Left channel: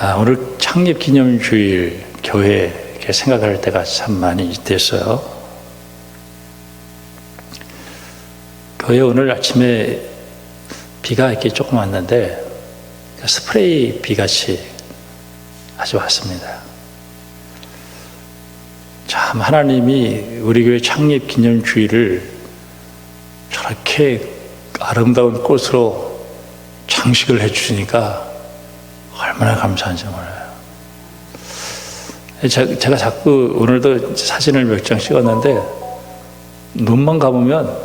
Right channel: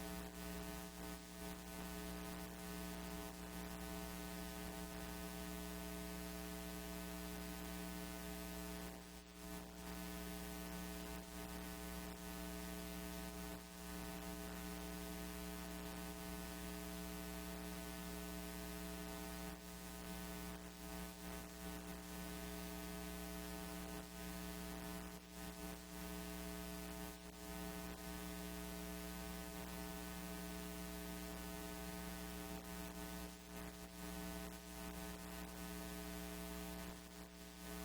오늘 창립기념주일 교회 이렇게 생각할 때가 참 많이 됐어요. 교회 오늘 아침에 비가 이렇게 조금 왔는데 스프레이 비같이 아주 왔습니다. 참 하나님이 우리 교회 창립기념주일을 저렇게 아름다운 꽃으로 장식을 해주시니까 얼마나 감사한지 몰라요. 제가 자꾸 오늘도 사진을 몇 장 찍었는데 눈만 감으면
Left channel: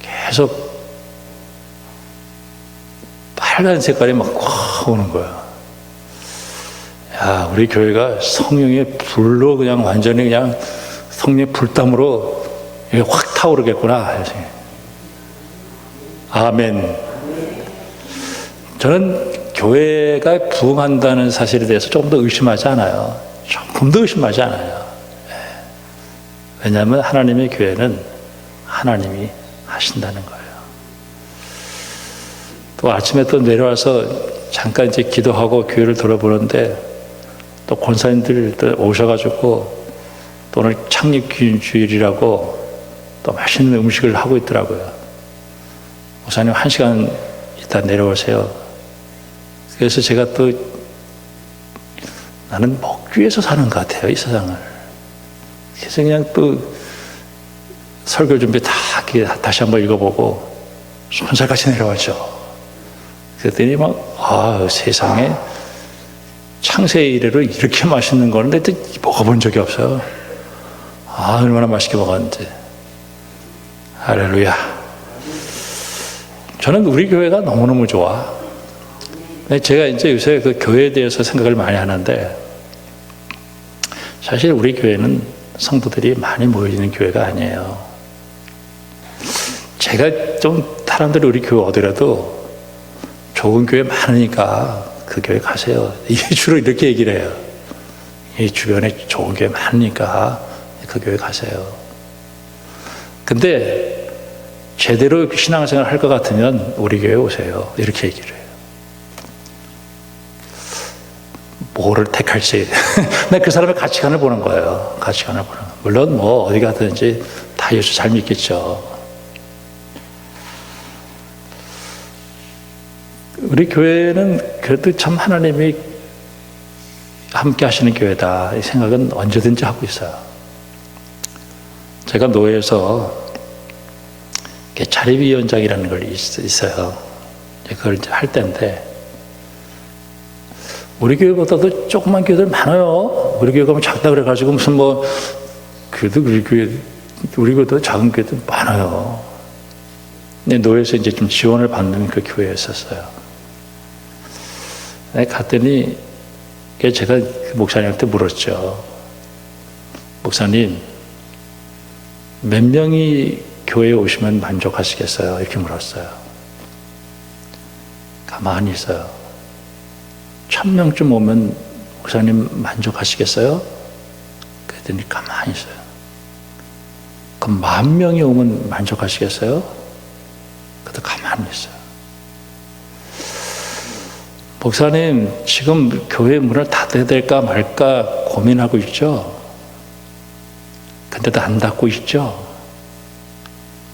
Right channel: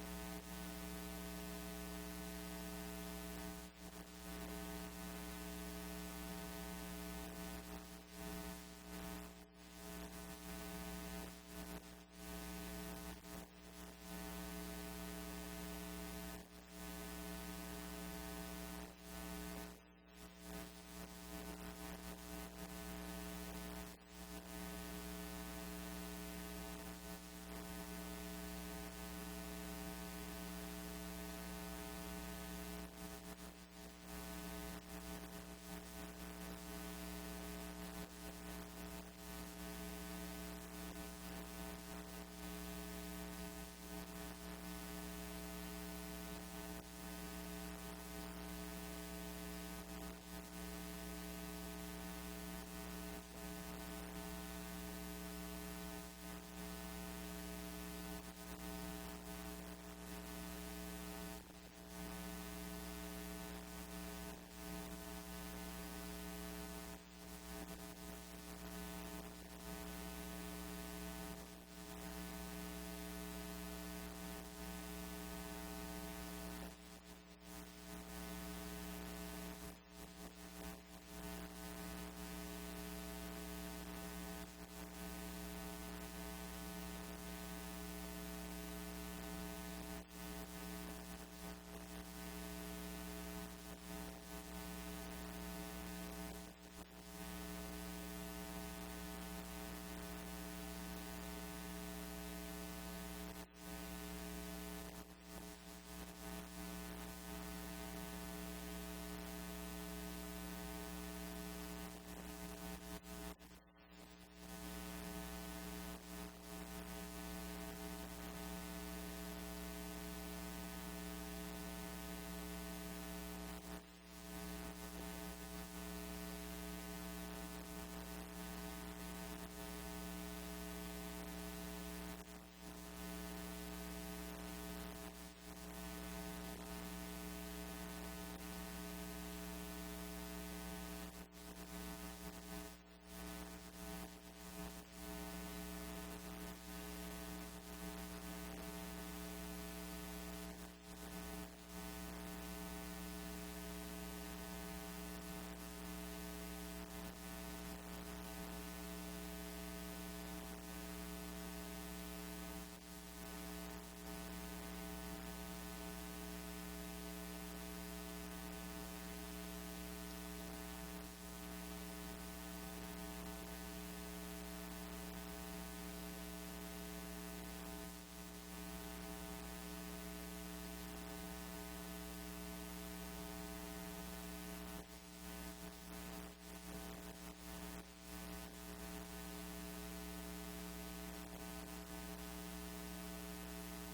계속 빨간 색깔이 막 확 오는 거야. 야, 우리 교회가 성령의 불로 그냥 완전히 그냥 성령의 불담으로 확 타오르겠구나. 아멘. 저는 교회가 부흥한다는 사실에 대해서 조금 더 의심하지 않아요. 조금 더 의심하지 않아요. 왜냐하면 하나님의 교회는 하나님이 하신다는 거예요. 또 아침에 또 내려와서 잠깐 이제 기도하고 교회를 돌아보는데 또 권사님들 또 오셔가지고 또 오늘 창립주일이라고 또 맛있는 음식을 하고 있더라고요. 목사님 1시간 있다 내려오세요. 그래서 제가 또 나는 먹기 위해서 사는 것 같아요, 이 세상을. 그래서 그냥 또 설교 준비 다 다시 한번 읽어보고 손살같이 내려왔죠. 그랬더니 세상에 창세 이래로 이렇게 맛있는 거는데 또 먹어본 적이 없어요. 얼마나 맛있게 먹었는지. 할렐루야. 저는 우리 교회가 너무너무 좋아. 제가 이제 요새 그 교회에 대해서 생각을 많이 하는데, 사실 우리 교회는 성도들이 많이 모여있는 교회가 아니에요. 제가 좀 사람들이 우리 교회 오더라도 좋은 교회 많으니까 그 교회 가세요. 주로 이렇게 얘기를 해요. 이 주변에 좋은 교회 많으니까 그 교회 가세요. 근데 제대로 신앙생활 할 것 같으면 우리 교회 오세요. 이렇게 얘기를 해요. 뭐를 택할지. 나 그 사람의 가치관을 보는 거예요. 가치관을 보는 거예요. 물론 어디 가든지 다 예수 잘 믿겠죠. 우리 교회는 그래도 참 하나님이 함께 하시는 교회다. 이 생각은 언제든지 하고 있어요. 제가 노회에서 자립위원장이라는 걸 있어요. 그걸 이제 할 때인데, 우리 교회보다도 조그만 교회들 많아요. 우리 교회 가면 작다 그래가지고 무슨 그래도 우리 교회도 작은 교회들 많아요. 근데 노회에서 이제 좀 지원을 받는 그 교회였었어요. 갔더니 제가 그 목사님한테 물었죠. 목사님, 몇 명이 교회에 오시면 만족하시겠어요? 이렇게 물었어요. 가만히 있어요. 1000명쯤 오면 목사님 만족하시겠어요? 그랬더니 가만히 있어요. 그럼 10,000명이 오면 만족하시겠어요? 그래도 가만히 있어요. 목사님, 지금 교회 문을 닫아야 될까 말까 고민하고 있죠? 근데도 안 닫고 있죠?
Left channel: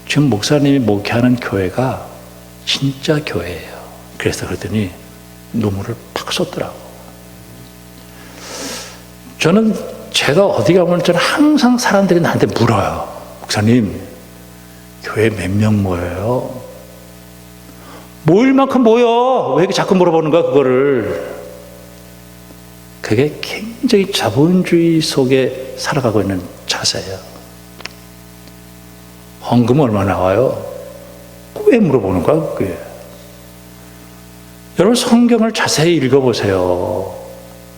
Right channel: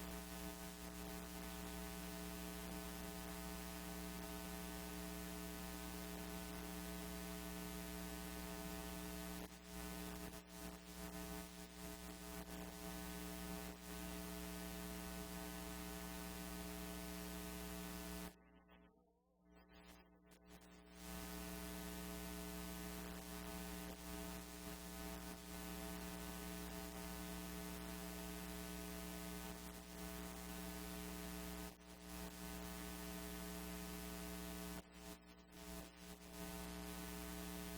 지금 목사님이 목회하는 교회가 진짜 교회예요. 그래서 그러더니 눈물을 팍 쏟더라고. 저는 제가 어디 가면 저는 항상 사람들이 나한테 물어요. 목사님, 교회 몇 명 모여요? 모일 만큼 모여. 왜 이렇게 자꾸 물어보는 거야, 그거를. 그게 굉장히 자본주의 속에 살아가고 있는 자세예요. 헌금 얼마 나와요? 왜 물어보는 거야, 그게. 여러분, 성경을 자세히 읽어보세요.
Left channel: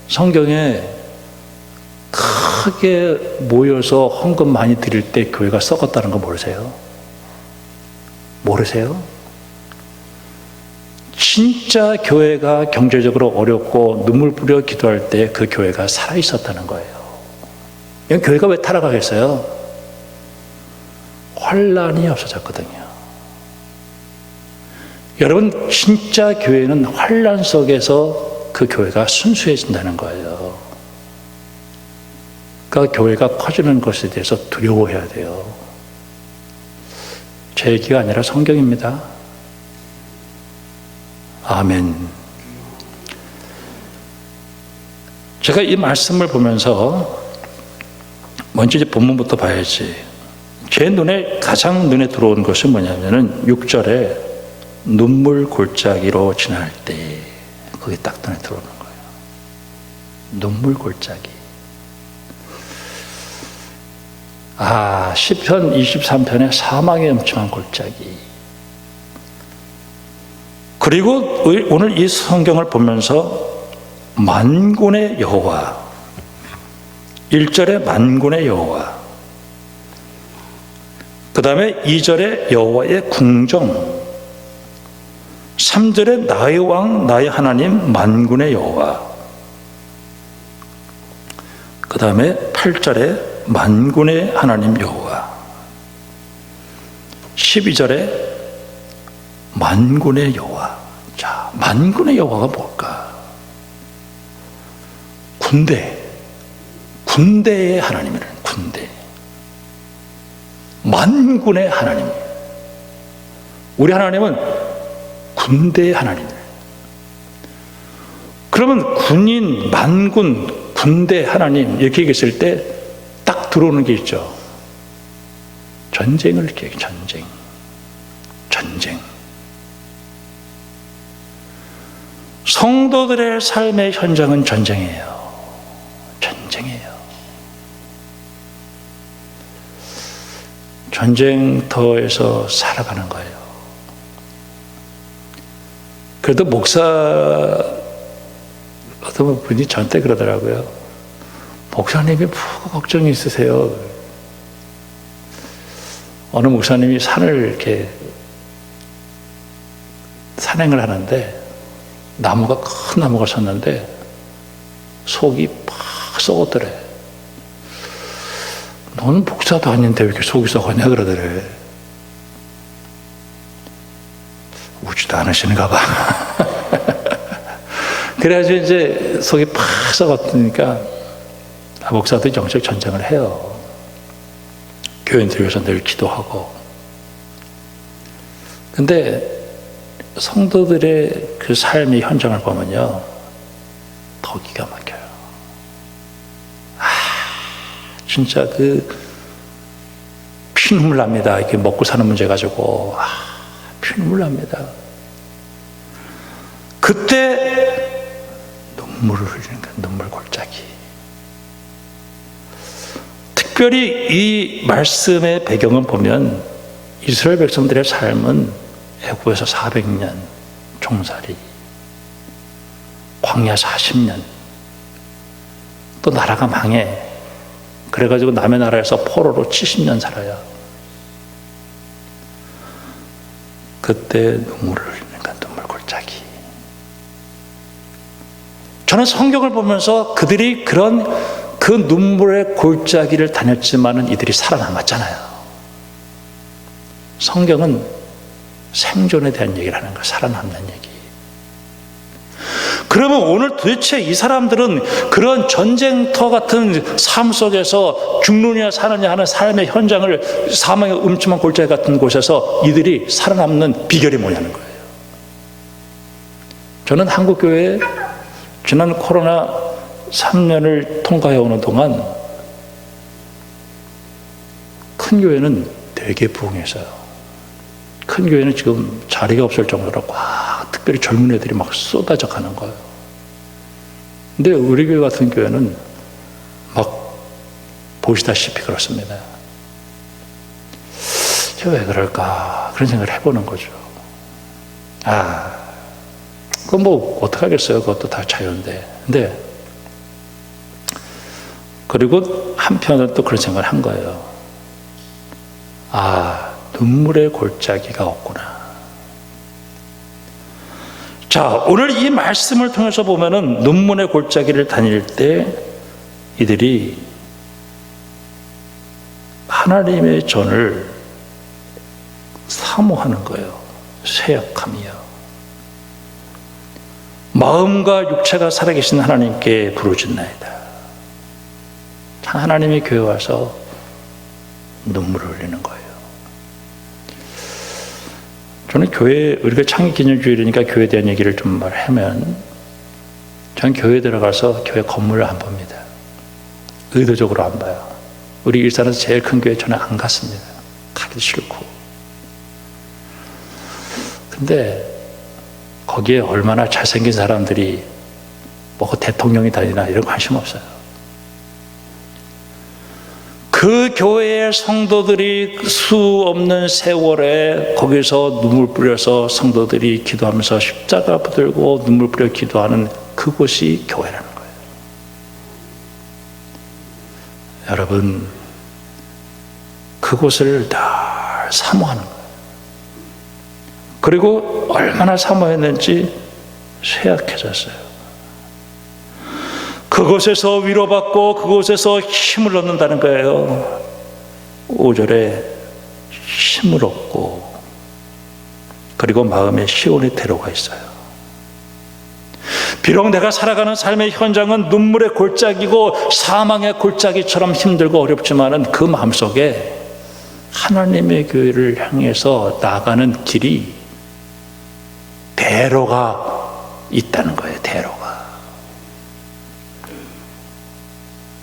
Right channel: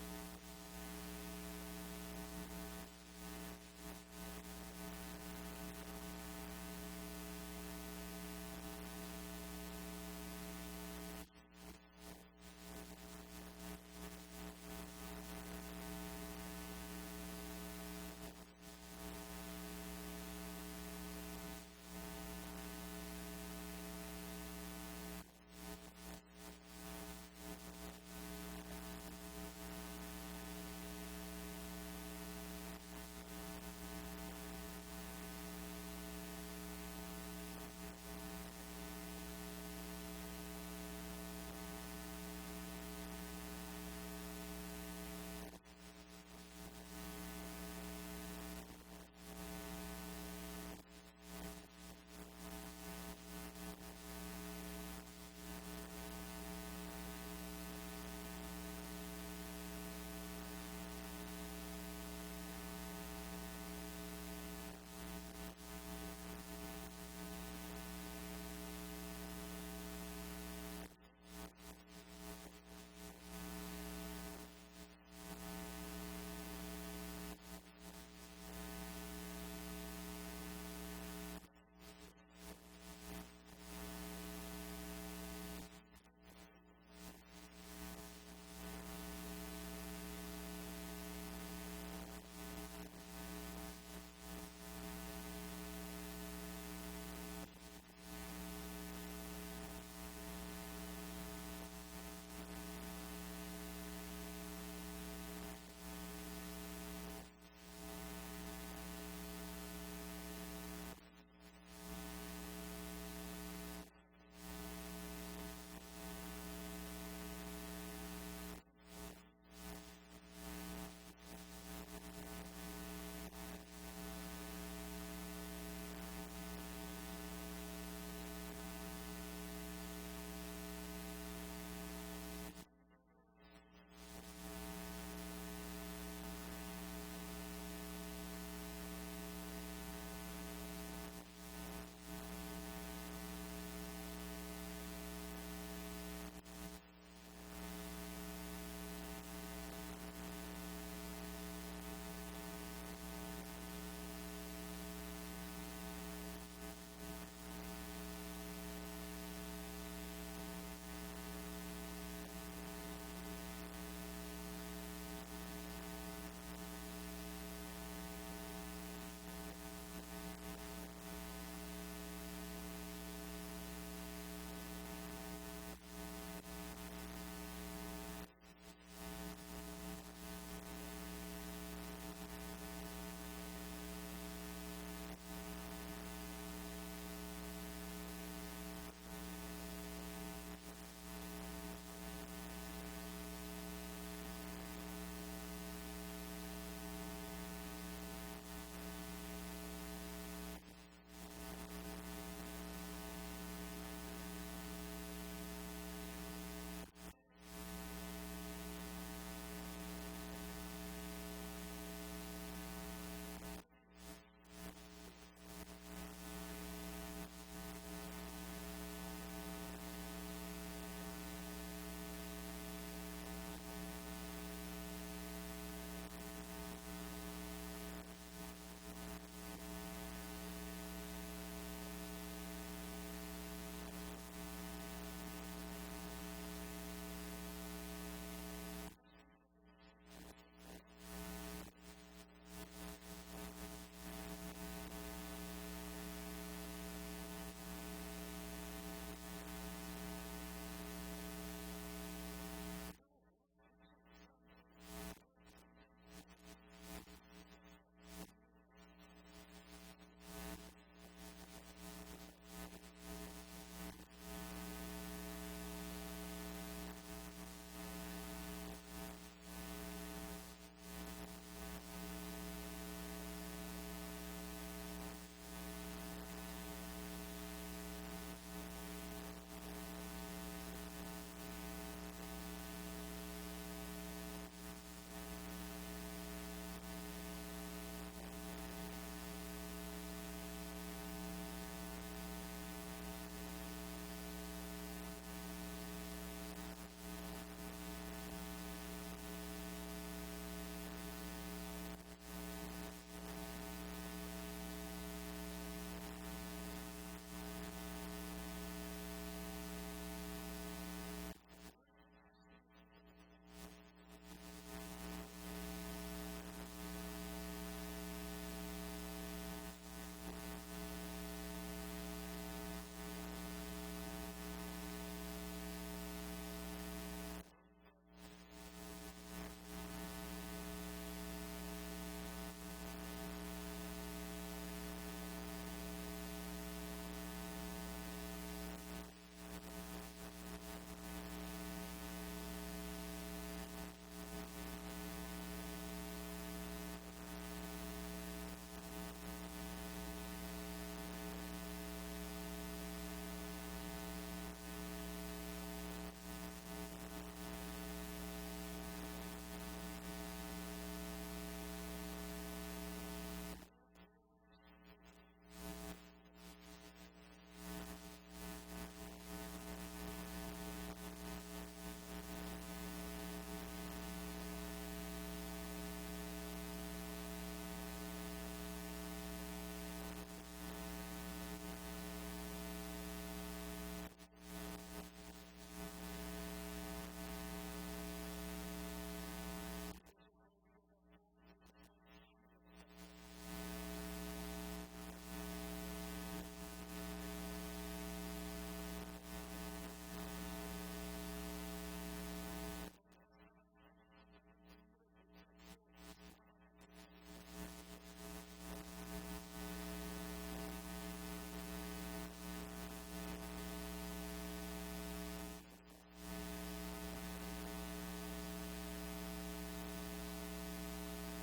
성경에 크게 모여서 헌금 많이 드릴 때 교회가 썩었다는 거 모르세요? 모르세요? 진짜 교회가 경제적으로 어렵고 눈물 뿌려 기도할 때 그 교회가 살아있었다는 거예요. 교회가 왜 타락하겠어요? 환란이 없어졌거든요. 여러분, 진짜 교회는 환란 속에서 그 교회가 순수해진다는 거예요. 그러니까 교회가 커지는 것에 대해서 두려워해야 돼요. 제 얘기가 아니라 성경입니다. 아멘. 제가 이 말씀을 보면서 먼저 이제 본문부터 봐야지. 제 눈에 가장 눈에 들어온 것이 뭐냐면은 6절에 눈물 골짜기로 지날 때, 그게 딱 눈에 들어오는 거예요. 눈물 골짜기. 시편 23편의 사망의 음침한 골짜기. 그리고 오늘 이 성경을 보면서 만군의 여호와, 1절에 만군의 여호와, 그 다음에 2절에 여호와의 궁정, 3절에 나의 왕 나의 하나님 만군의 여호와, 그 다음에 8절에 만군의 하나님 여호와, 12절에 만군의 여호와. 자, 만군의 여호와가 뭘까? 군대의 하나님이라는, 군대. 만군의 하나님. 우리 하나님은 군대의 하나님이에요. 그러면 군인, 만군, 군대 하나님 이렇게 얘기했을 때 딱 들어오는 게 있죠. 전쟁을 얘기해요. 전쟁. 성도들의 삶의 현장은 전쟁이에요. 전쟁터에서 살아가는 거예요. 그래도 목사, 어떤 분이 저한테 그러더라고요. 목사님이 뭐 걱정이 있으세요. 어느 목사님이 산을 이렇게 산행을 하는데 나무가, 큰 나무가 섰는데 속이 팍 썩었더래. 너는 목사도 아닌데 왜 이렇게 속이 썩었냐 그러더래. 웃지도 않으시는가 봐. 그래가지고 이제 속이 팍 썩었으니까 목사도 영적 전쟁을 해요. 교인들 위해서 늘 기도하고. 근데 성도들의 그 삶의 현장을 보면요, 더 기가 막혀요. 진짜 피눈물 납니다. 이렇게 먹고 사는 문제 가지고 피눈물 납니다. 그때 눈물을 흘리는 거예요. 눈물 골짜기. 특별히 이 말씀의 배경을 보면 이스라엘 백성들의 삶은 애굽에서 400년 종살이, 광야 40년, 또 나라가 망해. 그래가지고 남의 나라에서 포로로 70년 살아요. 그때 눈물을 흘리니까 눈물 골짜기. 저는 성경을 보면서 그들이 그 눈물의 골짜기를 다녔지만은 이들이 살아남았잖아요. 성경은 생존에 대한 얘기를 하는 거예요. 살아남는 얘기. 그러면 오늘 도대체 이 사람들은 그런 전쟁터 같은 삶 속에서 죽느냐 사느냐 하는 삶의 현장을, 사망의 음침한 골짜기 같은 곳에서 이들이 살아남는 비결이 뭐냐는 거예요. 저는 한국교회에 지난 코로나 3년을 통과해 오는 동안 큰 교회는 되게 부흥해서요. 큰 교회는 지금 자리가 없을 정도로 꽉, 특별히 젊은 애들이 막 쏟아져 가는 거예요. 근데 우리 교회 같은 교회는 막 보시다시피 그렇습니다. 제가 왜 그럴까? 그런 생각을 해보는 거죠. 그건 뭐 어떡하겠어요. 그것도 다 자유인데. 근데 그리고 한편은 또 그런 생각을 한 거예요. 눈물의 골짜기가 없구나. 자, 오늘 이 말씀을 통해서 보면은 눈물의 골짜기를 다닐 때 이들이 하나님의 전을 사모하는 거예요. 쇠약함이요. 마음과 육체가 살아계신 하나님께 부르짖나이다. 하나님의 교회 와서 눈물을 흘리는 거예요. 저는 교회, 우리가 창립기념주일이니까 교회에 대한 얘기를 좀 말하면, 저는 교회에 들어가서 교회 건물을 안 봅니다. 의도적으로 안 봐요. 우리 일산에서 제일 큰 교회 저는 안 갔습니다. 가기도 싫고. 근데 거기에 얼마나 잘생긴 사람들이 뭐 대통령이 다니나 이런 관심 없어요. 그 교회의 성도들이 수 없는 세월에 거기서 눈물 뿌려서 성도들이 기도하면서 십자가 붙들고 눈물 뿌려 기도하는 그곳이 교회라는 거예요. 여러분, 그곳을 늘 사모하는 거예요. 그리고 얼마나 사모했는지 쇠약해졌어요. 그곳에서 위로받고 그곳에서 힘을 얻는다는 거예요. 5절에 힘을 얻고, 그리고 마음에 시온의 태로가 있어요. 비록 내가 살아가는 삶의 현장은 눈물의 골짜기고 사망의 골짜기처럼 힘들고 어렵지만은 그 마음속에 하나님의 교회를 향해서 나가는 길이 대로가 있다는 거예요. 대로가.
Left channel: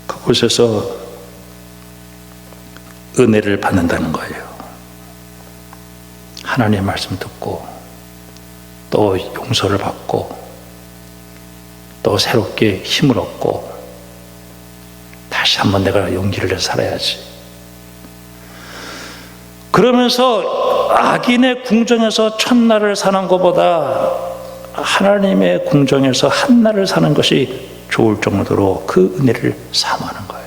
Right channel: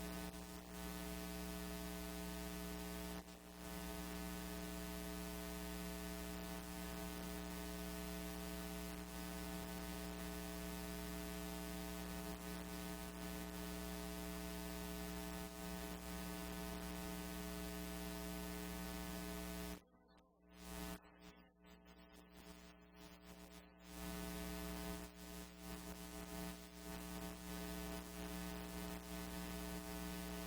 그곳에서 은혜를 받는다는 거예요. 하나님의 말씀 듣고 또 용서를 받고 또 새롭게 힘을 얻고 다시 한번 내가 용기를 내서 살아야지. 그러면서 악인의 궁정에서 첫날을 사는 것보다 하나님의 궁정에서 한날을 사는 것이 좋을 정도로 그 은혜를 사모하는 거예요.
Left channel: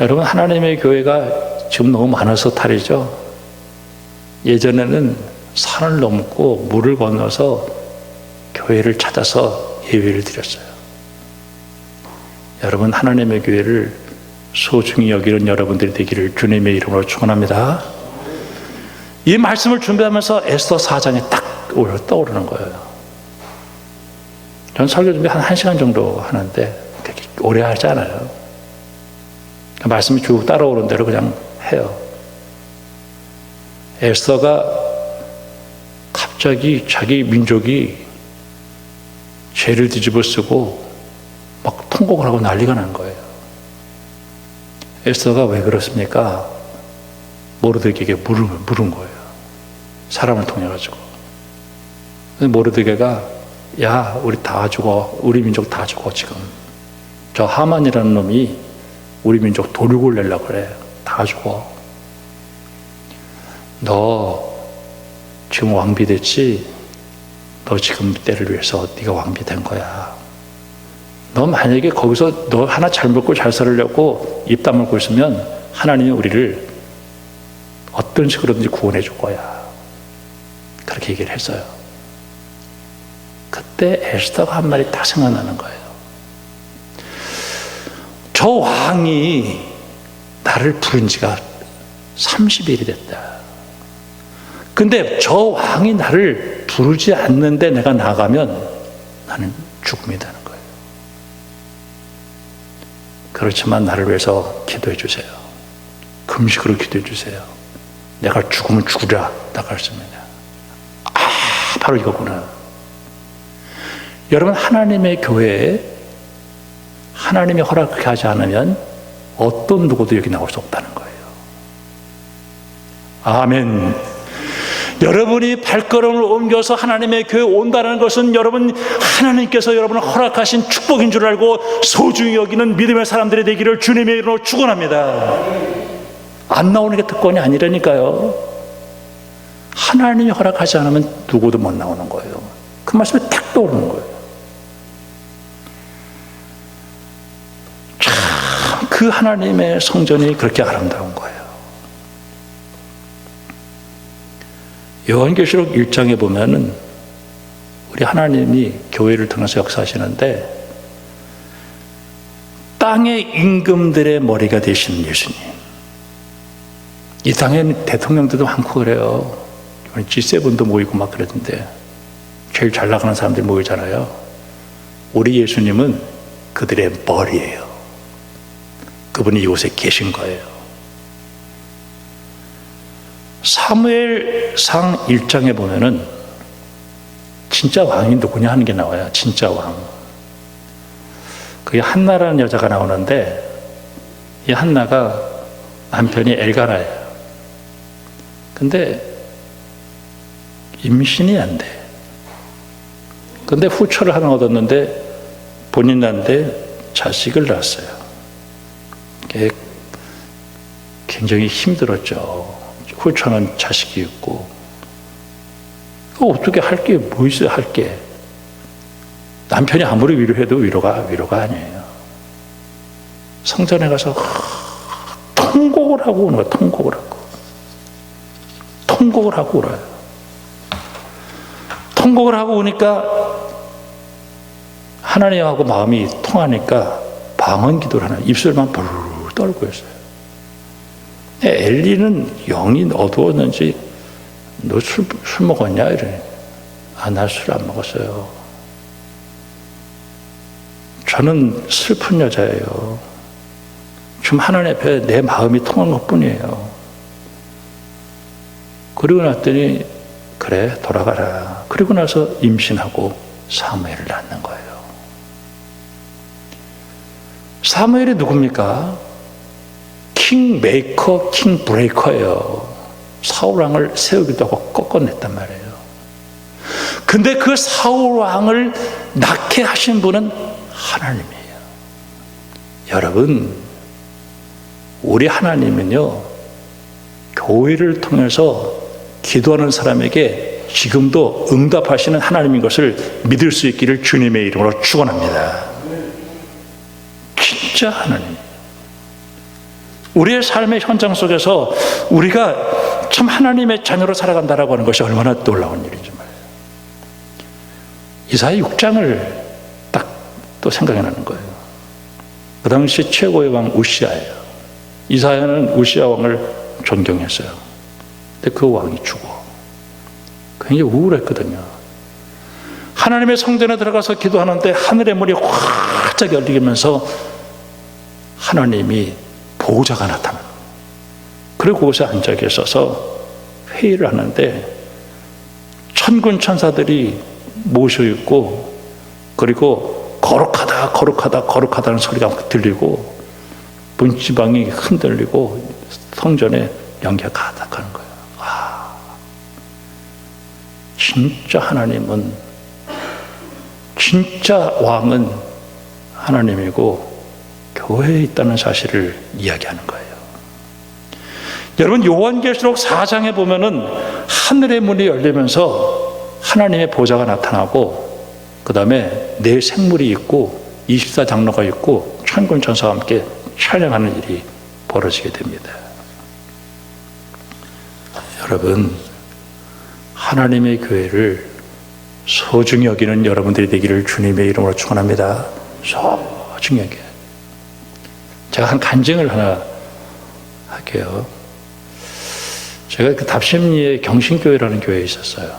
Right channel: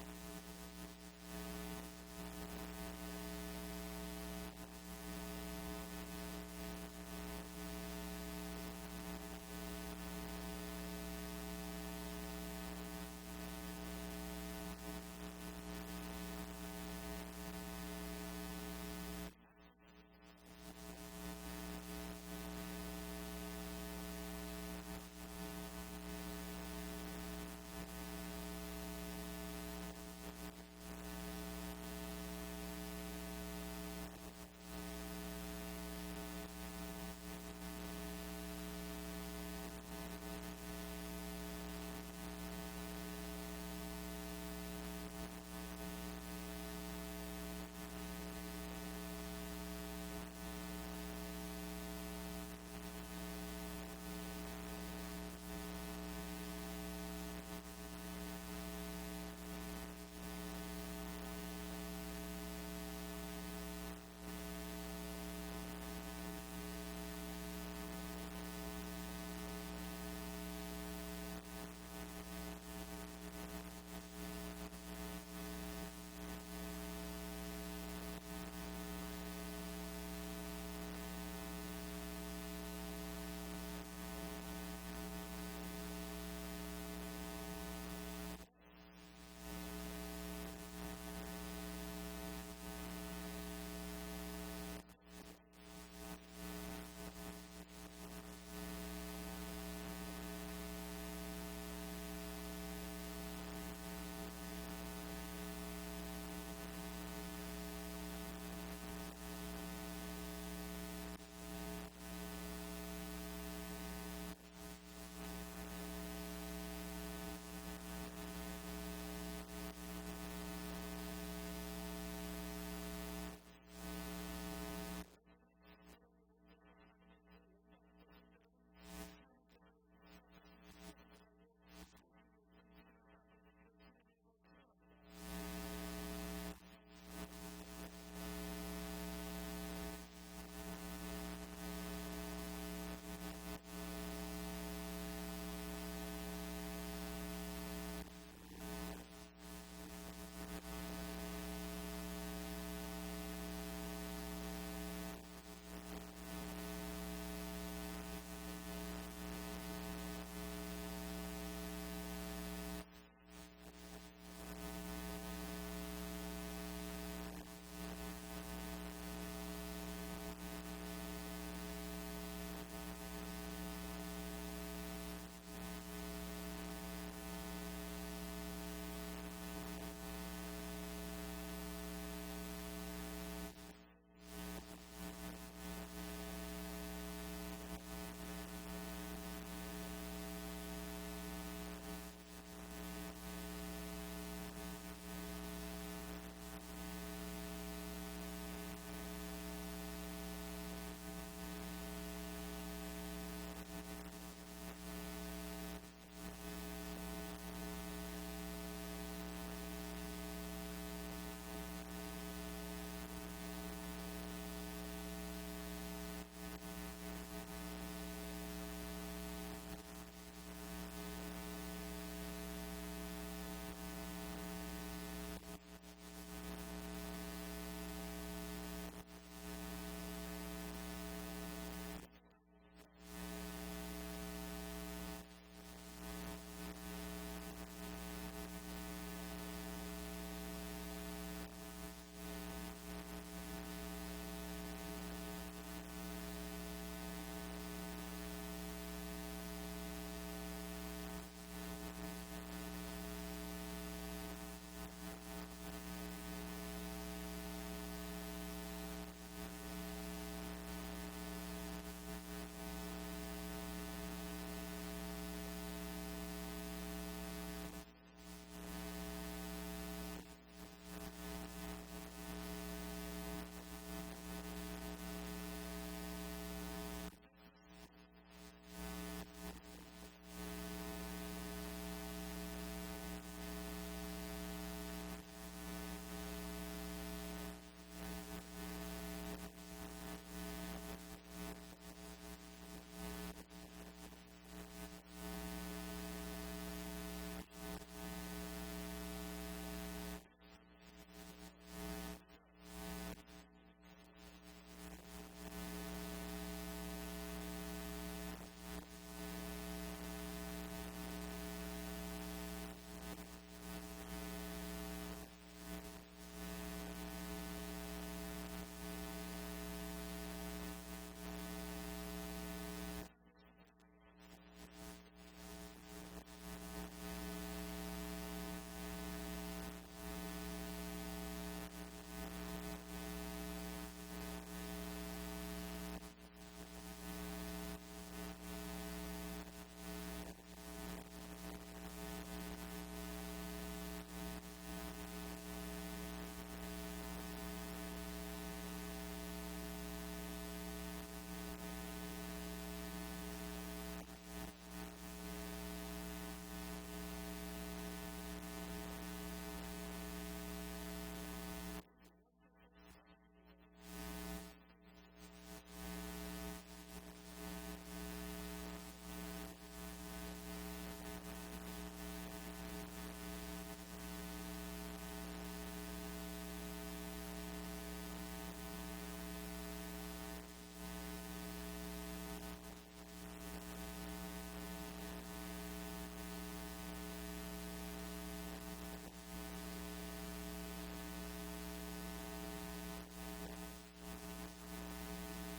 여러분, 하나님의 교회가 지금 너무 많아서 탈이죠. 예전에는 산을 넘고 물을 건너서 교회를 찾아서 예배를 드렸어요. 여러분, 하나님의 교회를 소중히 여기는 여러분들이 되기를 주님의 이름으로 축원합니다. 이 말씀을 준비하면서 에스더 4장에 딱 떠오르는 거예요. 전 설교 준비 한 1시간 정도 하는데 그렇게 오래 하지 않아요. 말씀이 쭉 따라오는 대로 그냥 해요. 에스더가 갑자기 자기 민족이 죄를 뒤집어 쓰고 막 통곡을 하고 난리가 난 거예요. 에스더가 왜 그렇습니까? 모르드게에게 물은 거예요. 사람을 통해 가지고. 모르드게가 야, 우리 다 죽어. 우리 민족 다 죽어 지금. 저 하만이라는 놈이 우리 민족 도륙을 내려고 그래. 다 죽어. 너 지금 왕비 됐지? 너 지금 때를 위해서 네가 왕비 된 거야. 너 만약에 거기서 너 하나 잘 먹고 잘 살으려고 입 다물고 있으면 하나님이 우리를 어떤 식으로든지 구원해 줄 거야. 그렇게 얘기를 했어요. 그때 에스더가 한 말이 딱 생각나는 거예요. 저 왕이 나를 부른 지가 30일이 됐다. 근데 저 왕이 나를 부르지 않는데 내가 나가면 나는 죽음이라는 거예요. 그렇지만 나를 위해서 기도해 주세요. 금식으로 기도해 주세요. 내가 죽으면 죽으라 나갔습니다. 바로 이거구나. 여러분, 하나님의 교회에 하나님이 허락하지 않으면 어떤 누구도 여기 나올 수 없다는 거예요. 아멘. 여러분이 발걸음을 옮겨서 하나님의 교회에 온다는 것은 여러분, 하나님께서 여러분을 허락하신 축복인 줄 알고 소중히 여기는 믿음의 사람들이 되기를 주님의 이름으로 축원합니다. 안 나오는 게 특권이 아니라니까요. 하나님이 허락하지 않으면 누구도 못 나오는 거예요. 그 말씀이 딱 떠오르는 거예요. 참, 그 하나님의 성전이 그렇게 아름다운 거예요. 요한계시록 1장에 보면은 우리 하나님이 교회를 통해서 역사하시는데 땅의 임금들의 머리가 되신 예수님. 이 땅에는 대통령들도 많고 그래요. G7도 모이고 막 그러던데 제일 잘 나가는 사람들이 모이잖아요. 우리 예수님은 그들의 머리예요. 그분이 이곳에 계신 거예요. 사무엘상 1장에 보면은 진짜 왕이 누구냐 하는 게 나와요. 진짜 왕. 그게 한나라는 여자가 나오는데, 이 한나가 남편이 엘가나예요. 근데 임신이 안 돼. 근데 후처를 하나 얻었는데 본인한테 자식을 낳았어요. 그게 굉장히 힘들었죠. 후처는 자식이 있고. 어떻게 할 게 뭐 있어요, 할 게. 남편이 아무리 위로해도 위로가 아니에요. 성전에 가서 통곡을 하고 오는 거예요. 통곡을 하고 울어요. 통곡을 하고 오니까 하나님하고 마음이 통하니까 방언 기도를 하나, 입술만 부르르 떨고 있어요. 엘리는 영이 어두웠는지 너 술 먹었냐? 이러니, 나 술 안 먹었어요. 저는 슬픈 여자예요. 지금 하나님 앞에 내 마음이 통한 것 뿐이에요. 그리고 났더니 그래 돌아가라. 그리고 나서 임신하고 사무엘을 낳는 거예요. 사무엘이 누굽니까? 킹 메이커, 킹 브레이커예요. 사울왕을 세우기도 하고 꺾어냈단 말이에요. 근데 그 사울왕을 낳게 하신 분은 하나님이에요. 여러분, 우리 하나님은요, 교회를 통해서 기도하는 사람에게 지금도 응답하시는 하나님인 것을 믿을 수 있기를 주님의 이름으로 축원합니다. 진짜 하나님. 우리의 삶의 현장 속에서 우리가 참 하나님의 자녀로 살아간다라고 하는 것이 얼마나 놀라운 일인지 말이에요. 이사야 6장을 딱 또 생각이 나는 거예요. 그 당시 최고의 왕 우시아예요. 이사야는 우시아 왕을 존경했어요. 근데 그 왕이 죽어. 굉장히 우울했거든요. 하나님의 성전에 들어가서 기도하는데 하늘의 문이 활짝 열리면서 하나님이 보호자가 나타나요. 그리고 그곳에 앉아 계셔서 회의를 하는데 천군 천사들이 모셔있고, 그리고 거룩하다는 소리가 들리고 문지방이 흔들리고 성전에 연기가 가득하는 거예요. 진짜 하나님은, 진짜 왕은 하나님이고 교회에 있다는 사실을 이야기하는 거예요. 여러분, 요한계시록 4장에 보면은 하늘의 문이 열리면서 하나님의 보좌가 나타나고, 그 다음에 네 생물이 있고 24장로가 있고 천군 천사와 함께 찬양하는 일이 벌어지게 됩니다. 여러분, 하나님의 교회를 소중히 여기는 여러분들이 되기를 주님의 이름으로 축원합니다. 소중히 여겨요. 제가 한 간증을 하나 할게요. 제가 그 답심리에 경신교회라는 교회에 있었어요.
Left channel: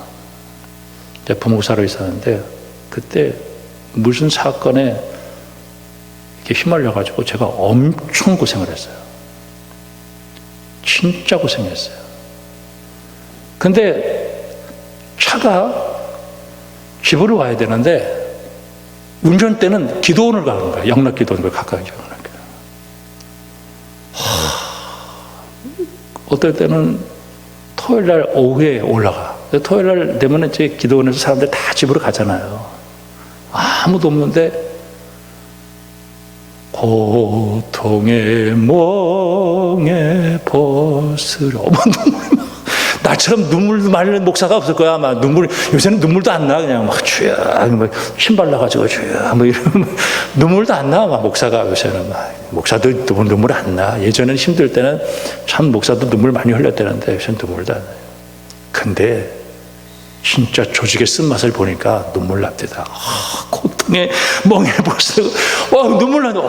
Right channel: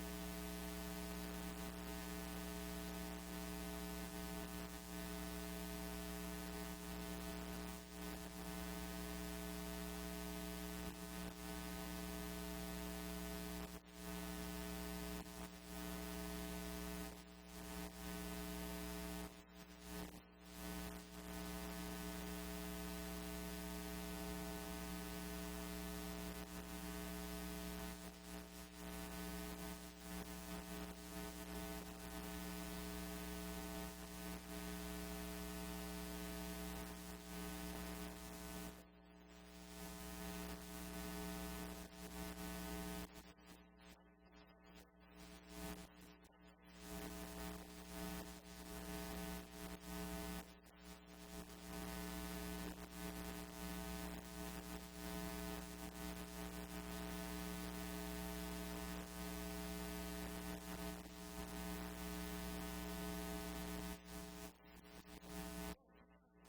부목사로 있었는데, 그때 무슨 사건에 이렇게 휘말려가지고 제가 엄청 고생을 했어요. 진짜 고생했어요. 근데 차가 집으로 와야 되는데 운전대는 기도원을 가는 거예요. 영락 기도원을 가까이 가는 거예요. 어떨 때는 토요일 날 오후에 올라가. 토요일 날 되면 이제 기도원에서 사람들 다 집으로 가잖아요. 아무도 없는데 고통의 멍에 벗으려. 나처럼 눈물 말리는 목사가 없을 거야. 아마 요새는 눈물도 안 나. 그냥 막 주야, 막 신발 나가지고 주야, 뭐 이러면 눈물도 안 나. 막 목사가 요새는 목사도 눈물 안 나. 예전에는 힘들 때는 참 목사도 눈물 많이 흘렸다는데 요새는 눈물도 안 나요. 근데 진짜 조직의 쓴맛을 보니까 눈물 납니다. 고통의 멍에 벗으려. 눈물 나네.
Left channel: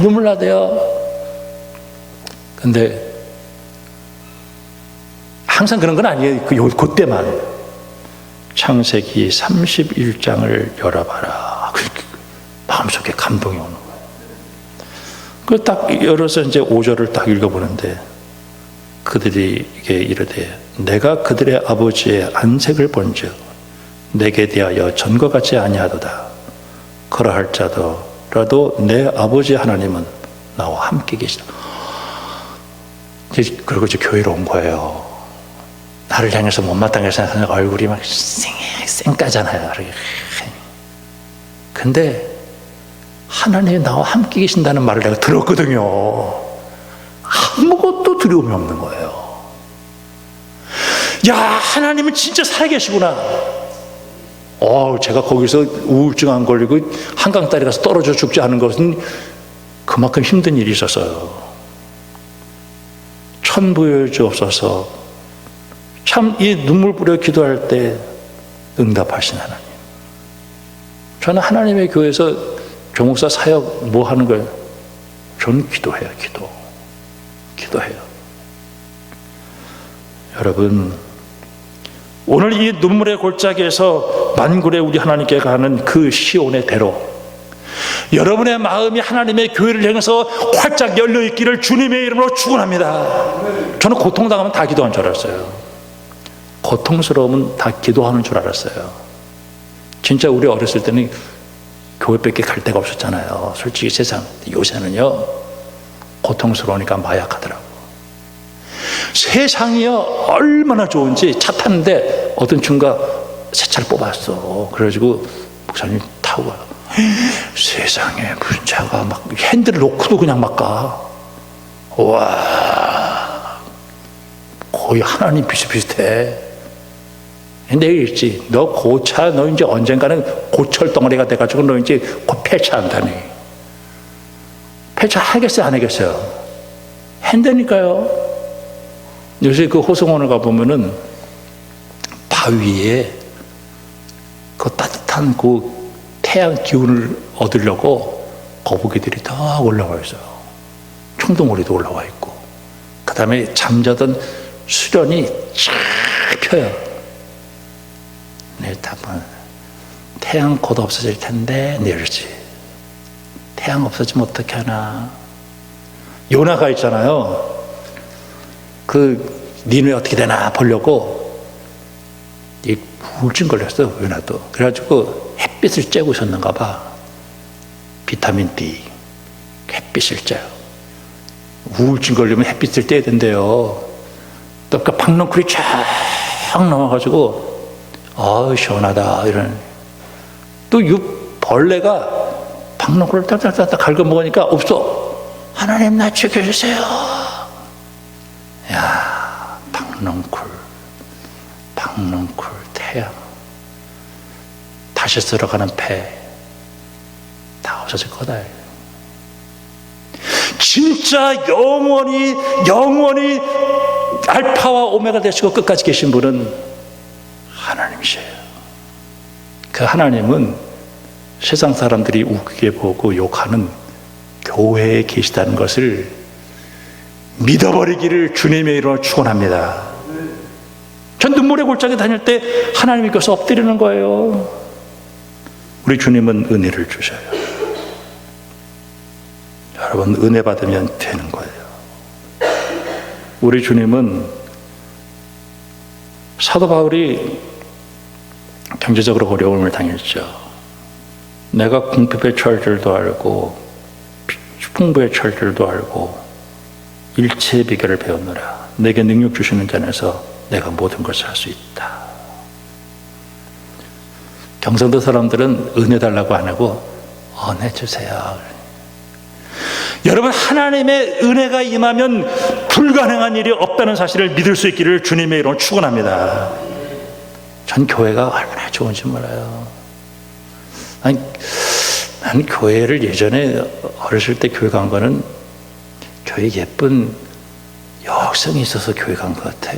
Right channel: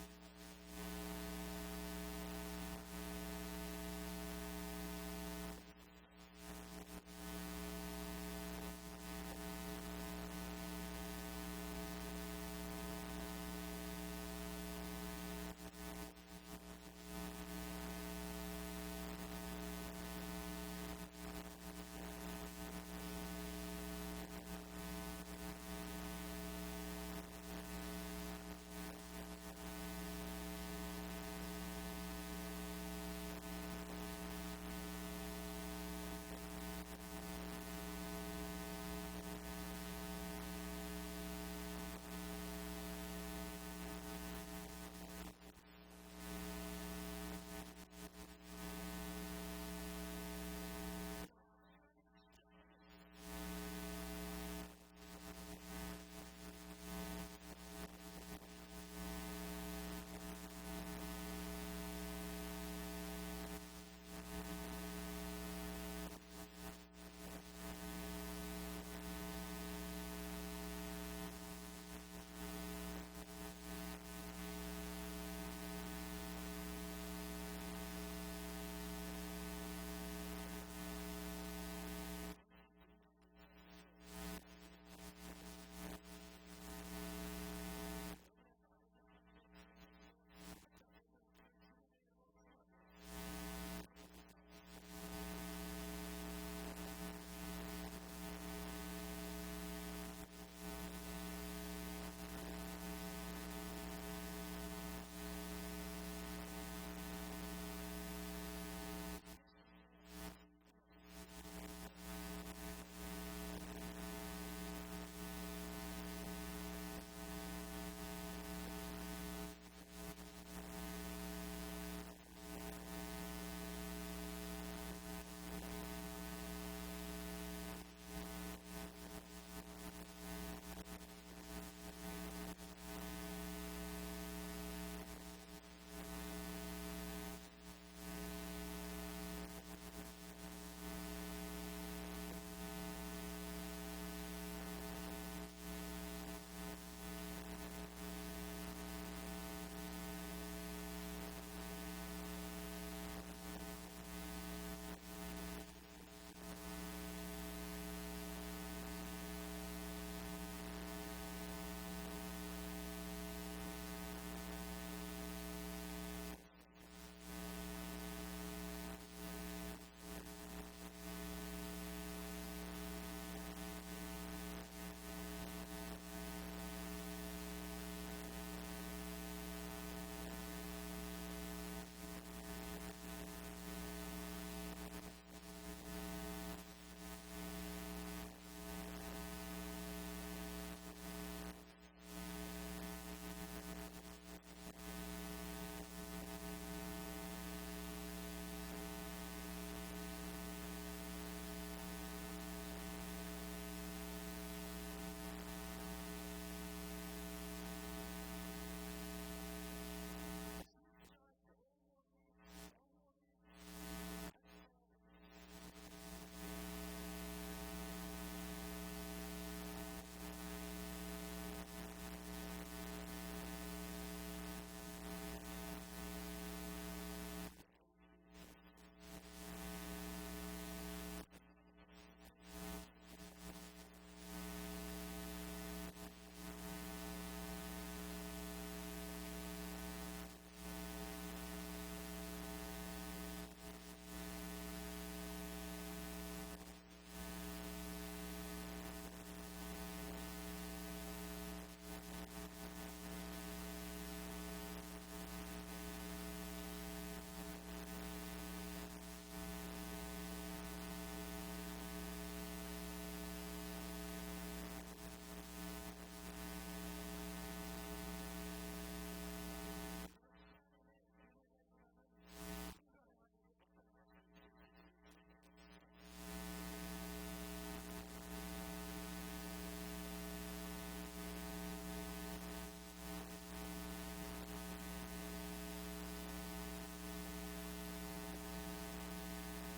눈물 나대요. 근데 항상 그런 건 아니에요. 그때만. 창세기 31장을 열어봐라. 마음속에 감동이 오는 거예요. 그걸 딱 열어서 이제 5절을 딱 읽어보는데, 그들이 이게 이르되 내가 그들의 아버지의 안색을 본즉 내게 대하여 전과 같지 아니하도다. 그러할 자더라도 내 아버지 하나님은 나와 함께 계시다. 그리고 이제 교회로 온 거예요. 나를 향해서 못마땅하게 생각하는 얼굴이 막 쌩까잖아요. 근데 하나님이 나와 함께 계신다는 말을 내가 들었거든요. 아무것도 두려움이 없는 거예요. 야, 하나님은 진짜 살아계시구나. 제가 거기서 우울증 안 걸리고 한강다리 가서 떨어져 죽지 않은 것은 그만큼 힘든 일이 있었어요. 천부여 주옵소서. 참 이 눈물 뿌려 기도할 때 응답하신 하나님. 저는 하나님의 교회에서 교목사 사역 뭐 하는 거예요? 저는 기도해요. 기도해요. 여러분, 오늘 이 눈물의 골짜기에서 만군의 우리 하나님께 가는 그 시온의 대로, 여러분의 마음이 하나님의 교회를 향해서 활짝 열려 있기를 주님의 이름으로 축원합니다. 저는 고통당하면 다 기도하는 줄 알았어요. 고통스러우면 다 기도하는 줄 알았어요. 진짜 우리 어렸을 때는 교회밖에 갈 데가 없었잖아요. 솔직히 세상. 요새는요, 고통스러우니까 마약하더라고. 세상이요, 얼마나 좋은지. 차 탔는데 어떤 친구가 새 차를 뽑았어. 그래가지고 목사님 타고 가요. 세상에 무슨 차가 막 핸들을 놓고도 그냥 막 가. 와, 거의 하나님 비슷비슷해. 내가 읽지, 너 고차, 너 이제 언젠가는 고철 덩어리가 돼가지고 너 이제 곧 폐차한다니. 폐차하겠어요, 안 하겠어요? 한다니까요. 요새 그 호성원을 가보면은 바위에 그 따뜻한 그 태양 기운을 얻으려고 거북이들이 다 올라와 있어요. 청동오리도 올라와 있고, 그 다음에 잠자던 수련이 쫙 펴요. 네, 답은 태양 곧 없어질 텐데 내일지. 태양 없어지면 어떻게 하나. 요나가 있잖아요. 그 니누에 어떻게 되나 보려고 이 우울증 걸렸어, 요나도. 그래가지고 햇빛을 쬐고 있었는가 봐. 비타민 D, 햇빛을 쬐요. 우울증 걸리면 햇빛을 쬐야 된대요. 또 그 박넝쿨이 쫙 나와가지고 시원하다 이런. 또 이 벌레가 박넝쿨을 딱딱딱딱 갉아먹으니까 없어. 하나님 나 지켜주세요. 야, 박넝쿨 태양, 다시 쓸어가는 폐 다 없어질 거다. 진짜 영원히 알파와 오메가 되시고 끝까지 계신 분은 하나님이세요. 그 하나님은 세상 사람들이 웃기게 보고 욕하는 교회에 계시다는 것을 믿어버리기를 주님의 이름으로 축원합니다. 전 눈물의 골짜기 다닐 때 하나님이 께서 엎드리는 거예요. 우리 주님은 은혜를 주셔요. 여러분, 은혜 받으면 되는 거예요. 우리 주님은, 사도 바울이 경제적으로 어려움을 당했죠. 내가 궁핍의 철들도 알고 풍부의 철들도 알고 일체의 비결을 배웠노라. 내게 능력 주시는 자에서 내가 모든 것을 할 수 있다. 경상도 사람들은 은혜 달라고 안 하고 은혜 주세요. 여러분, 하나님의 은혜가 임하면 불가능한 일이 없다는 사실을 믿을 수 있기를 주님의 이름으로 축원합니다. 전 교회가 얼마나 좋은지 몰라요. 난 교회를 예전에 어렸을 때 교회 간 거는 교회 예쁜 여학생이 있어서 교회 간 것 같아.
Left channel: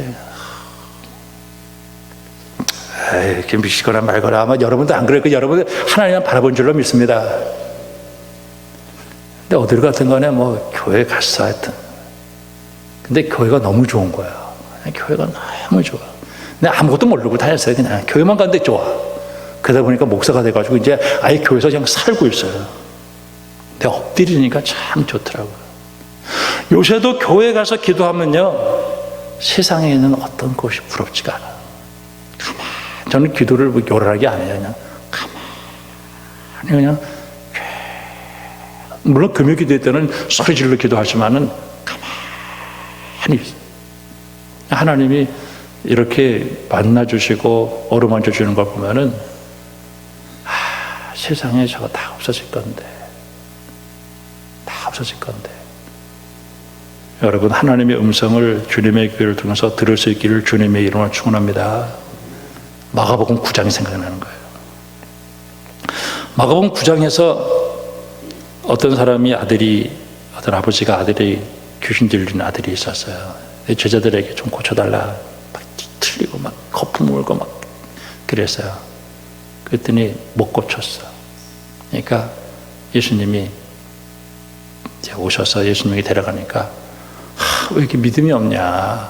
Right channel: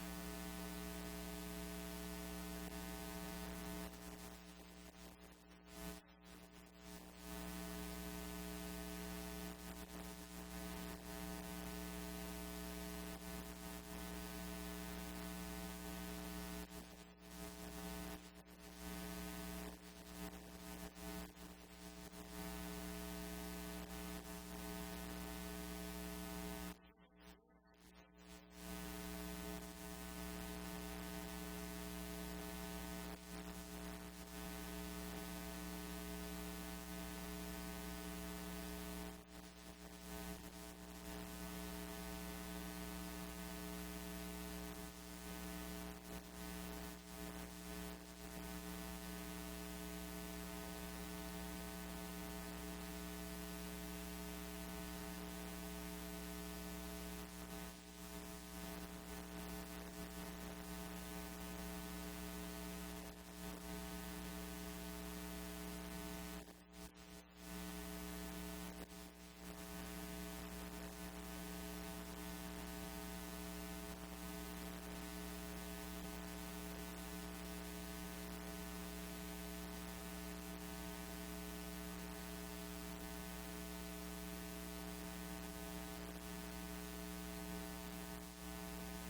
이렇게 미시거나 말거나 아마 여러분도 안 그럴 거예요. 여러분 하나님만 바라본 줄로 믿습니다. 근데 어딜 갔든 간에 뭐 교회 갔어 하여튼. 근데 교회가 너무 좋은 거야. 교회가 너무 좋아. 내가 아무것도 모르고 다녔어요. 그냥 교회만 갔는데 좋아. 그러다 보니까 목사가 돼가지고 이제 아예 교회에서 그냥 살고 있어요. 내가 엎드리니까 참 좋더라고요. 요새도 교회 가서 기도하면요, 세상에 있는 어떤 것이 부럽지가 않아요. 저는 기도를 뭐 요란하게 안 해요. 그냥 가만히 그냥, 물론 금요 기도회 때는 소리 질러 기도하지만은 가만히 있어요. 하나님이 이렇게 만나주시고 어루만져 주는 걸 보면은, 세상에 저거 다 없어질 건데, 다 없어질 건데. 여러분, 하나님의 음성을 주님의 교회를 통해서 들을 수 있기를 주님의 이름으로 축원합니다. 마가복음 9장이 생각나는 거예요. 마가복음 9장에서 어떤 사람이 어떤 아버지가 아들이 귀신 들린 아들이 있었어요. 제자들에게 좀 고쳐달라. 막 틀리고 막 거품 물고 막 그랬어요. 그랬더니 못 고쳤어. 그러니까 예수님이 이제 오셔서 예수님이 데려가니까, 왜 이렇게 믿음이 없냐?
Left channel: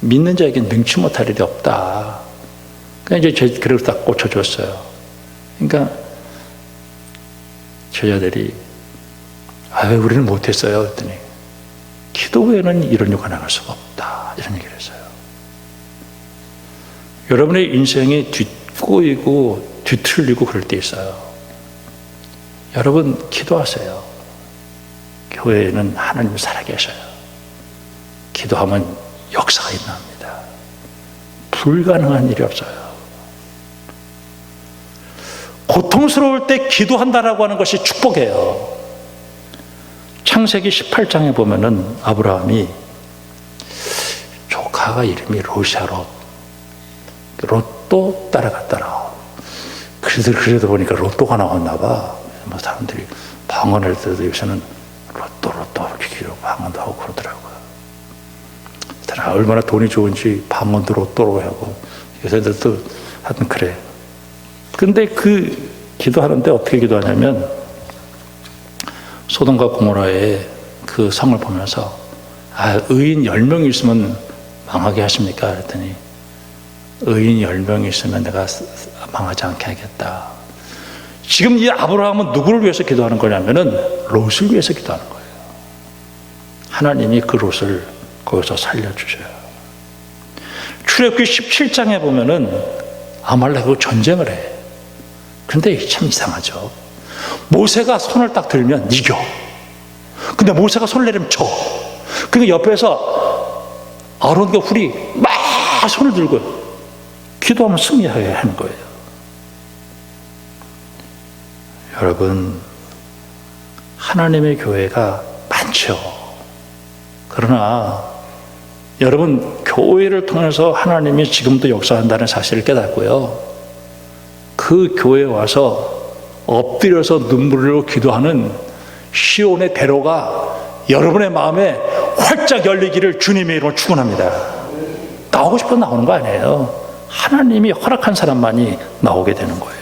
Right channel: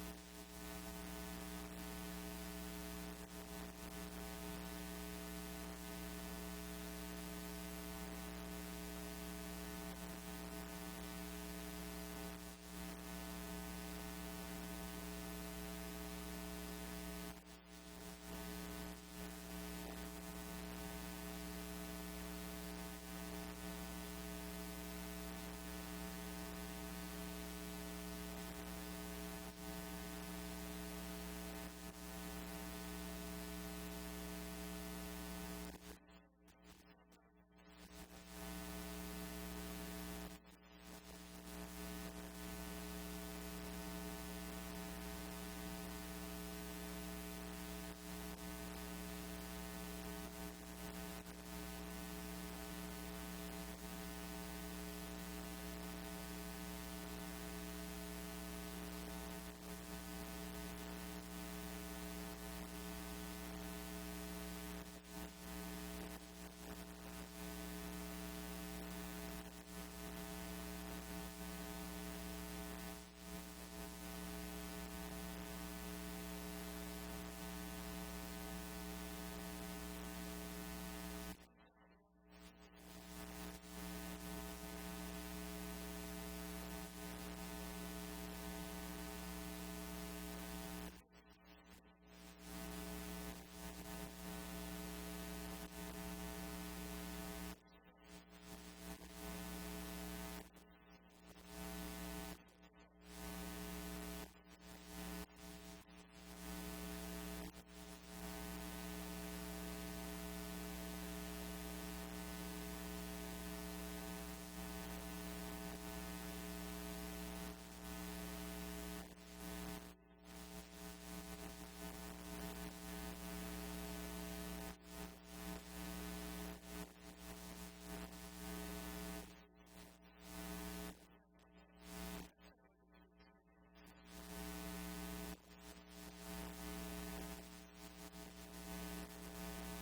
믿는 자에게 능치 못할 일이 없다. 그냥 이제 그래서 딱 고쳐줬어요. 그러니까 제자들이, 왜 우리는 못했어요? 그랬더니, 기도 외에는 이런 요가 나갈 수가 없다. 이런 얘기를 했어요. 여러분의 인생이 꼬이고 뒤틀리고 그럴 때 있어요. 여러분, 기도하세요. 교회에는 하나님 살아계셔요. 기도하면 역사가 일어납니다. 불가능한 일이 없어요. 고통스러울 때 기도한다라고 하는 것이 축복이에요. 창세기 18장에 보면은 아브라함이 조카가 이름이 롯이야. 롯도 따라갔더라. 그래도 보니까 로또가 나왔나 봐. 뭐 사람들이 방언할 때도 요새는 로또 이렇게 기록 방언도 하고 그러더라고요. 얼마나 돈이 좋은지 방언도 로또로 하고 요새들도 하여튼 그래. 근데 그 기도하는데 어떻게 기도하냐면, 소돔과 고모라의 그 성을 보면서, 의인 10명이 있으면 망하게 하십니까? 그랬더니, 의인 10명이 있으면 내가 망하지 않게 하겠다. 지금 이 아브라함은 누구를 위해서 기도하는 거냐면은 롯을 위해서 기도하는 거예요. 하나님이 그 롯을 거기서 살려주셔요. 출애굽기 17장에 보면은 아말렉하고 전쟁을 해. 근데 참 이상하죠. 모세가 손을 딱 들면 이겨. 근데 모세가 손을 내리면 져. 그러니까 옆에서 아론과 훌이 막 손을 들고 기도하면 승리하게 하는 거예요. 여러분, 하나님의 교회가 많죠. 그러나 여러분, 교회를 통해서 하나님이 지금도 역사한다는 사실을 깨닫고요, 그 교회에 와서 엎드려서 눈물로 기도하는 시온의 대로가 여러분의 마음에 활짝 열리기를 주님의 이름으로 축원합니다. 나오고 싶어 나오는 거 아니에요. 하나님이 허락한 사람만이 나오게 되는 거예요.